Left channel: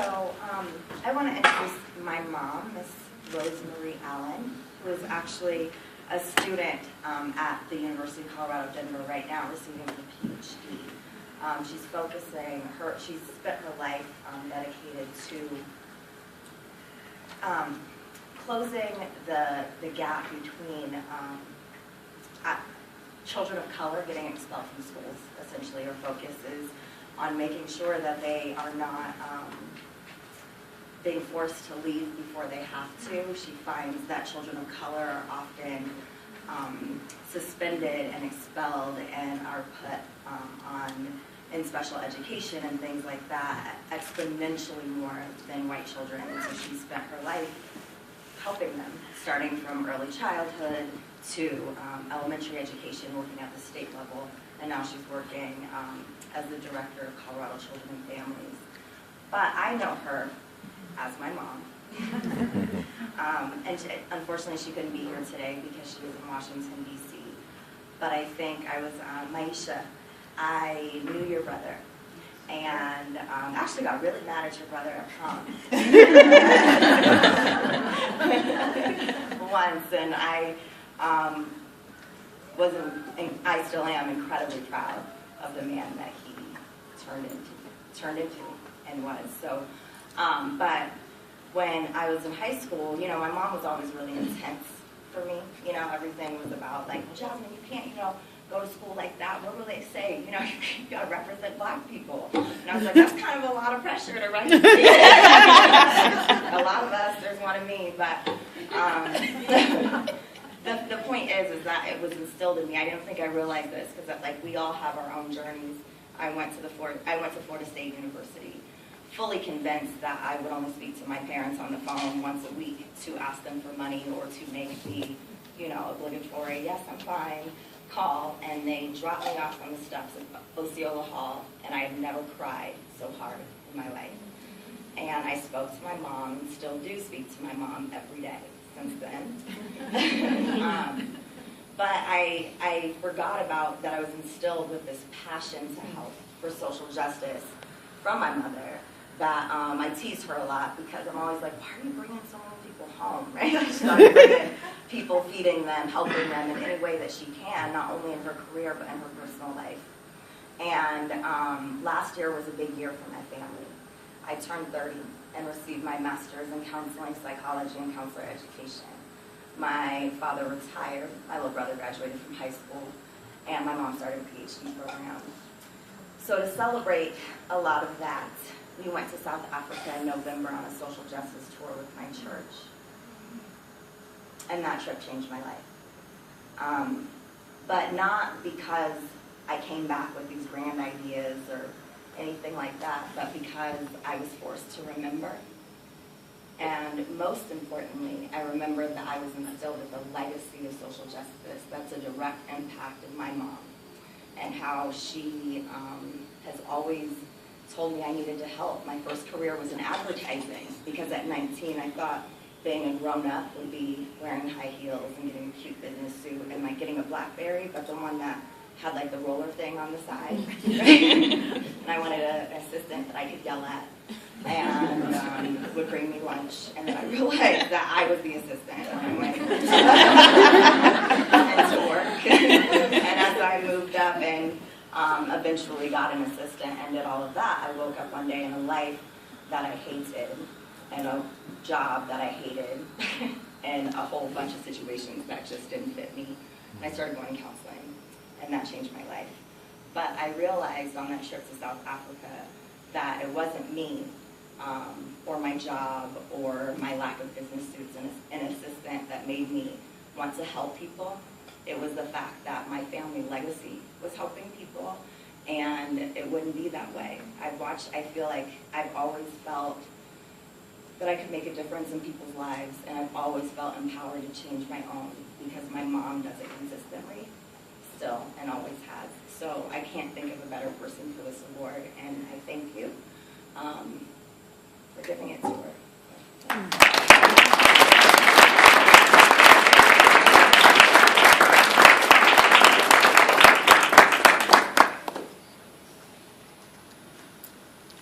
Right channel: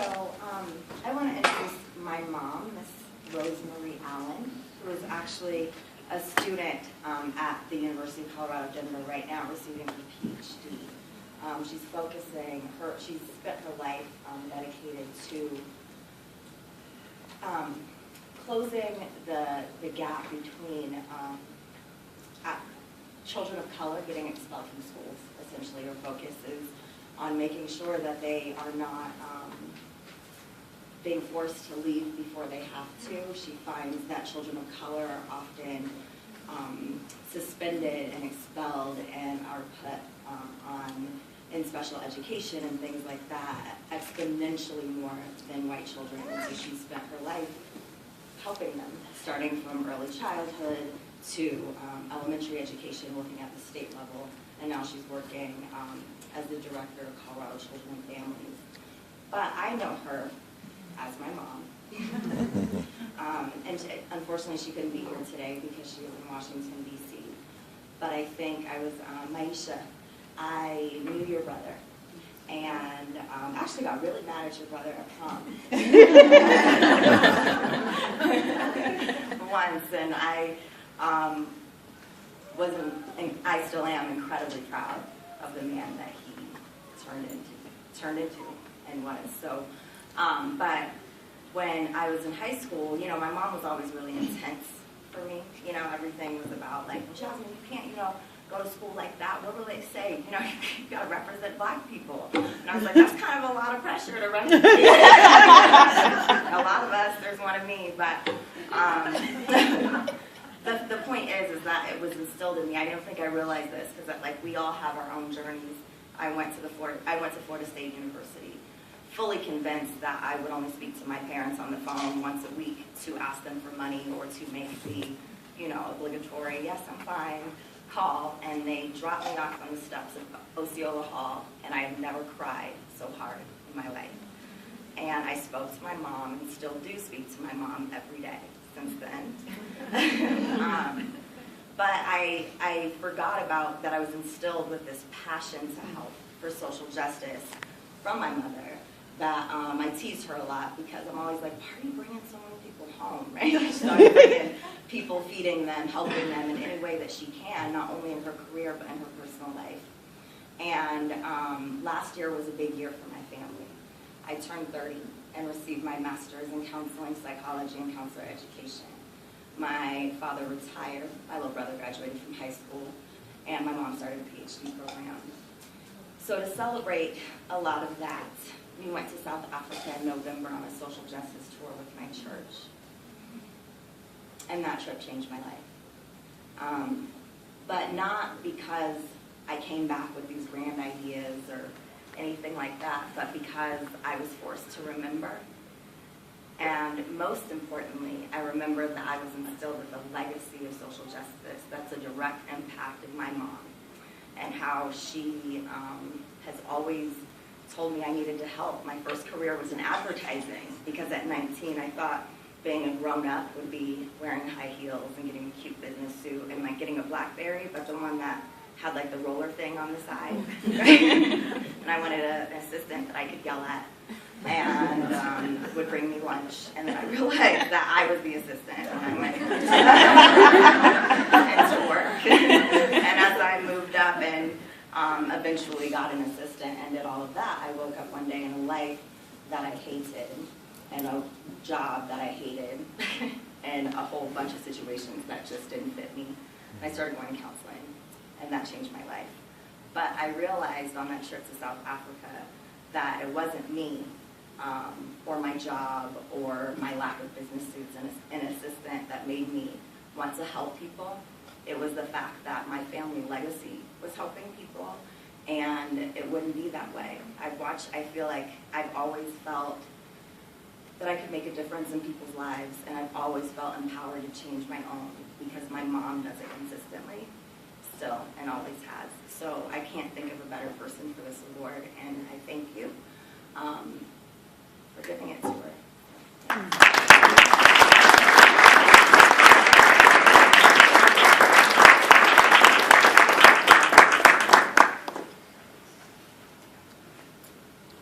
So I want to introduce my mom, Miss Rosemarie Allen, who is actually a student at the University of Colorado, Denver right now, receiving her PhD. She's she's spent her life dedicated to closing the gap between children of color getting expelled from schools. Essentially, her focus is on making sure that they are not being forced to leave before they have to. She finds that children of color are often suspended and expelled and are put in special education and things like that exponentially more than white children. And so she spent her life helping them, starting from early childhood to elementary education, working at the state level, and now she's working as the director of Colorado Children and Families. But I know her as my mom. Unfortunately, she couldn't be here today because she was in Washington, D.C. But I think I was, Maisha, I knew your brother. And actually got really mad at your brother at prom. Once, and I I still am incredibly proud of the man that he turned into and was. So, but when I was in high school, you know, my mom was always really intense for me. You know, everything was about like, well, Jasmine, you can't, you know, go to school like that. What will they say? You know, you got to represent black people. And I was like, that's kind of a lot of pressure to represent. A lot of us, there's one of me, but the point is that it was instilled in me. I don't think I realized this because like we all have our own journeys. I went to Florida State University, fully convinced that I would only speak to my parents on the phone once a week to ask them for money or to make the, you know, obligatory, yes, I'm fine, call, and they dropped me off on the steps of Osceola Hall, and I have never cried so hard in my life. And I spoke to my mom and still do speak to my mom every day since then. But I forgot about that I was instilled with this passion to help for social justice from my mother, that I tease her a lot because I'm always like, why are you bringing so many people home, right? Like, she started bringing people, feeding them, helping them in any way that she can, not only in her career but in her personal life. And last year was a big year for my family. I turned 30 and received my master's in counseling, psychology, and counselor education. My father retired, my little brother graduated from high school, and my mom started a PhD program. So to celebrate a lot of that, we went to South Africa in November on a social justice tour with my church. And that trip changed my life. But not because I came back with these grand ideas or anything like that, but because I was forced to remember. And most importantly, I remembered that I was instilled with a legacy of social justice that's a direct impact of my mom and how she has always told me I needed to help. My first career was in advertising because at 19 I thought being a grown-up would be wearing high heels and getting a cute business suit and like getting a BlackBerry, but the one that had like the roller thing on the side. And I wanted an assistant that I could yell at and would bring me lunch. And then I realized that I was the assistant when I went into work. And as I moved up and eventually got an assistant and did all of that, I woke up one day in a life that I hated and a job that I hated and a whole bunch of situations that just didn't fit me. And I started going to counseling, and that changed my life. But I realized on that trip to South Africa that it wasn't me or my job or my lack of business suits and an assistant that made me want to help people. It was the fact that my family legacy was helping people, and it wouldn't be that way. I feel like I've always felt that I could make a difference in people's lives, and I've always felt empowered to change my own because my mom does it consistently, still, and always has. So I can't think of a better person for this award, and I thank you for giving it to her.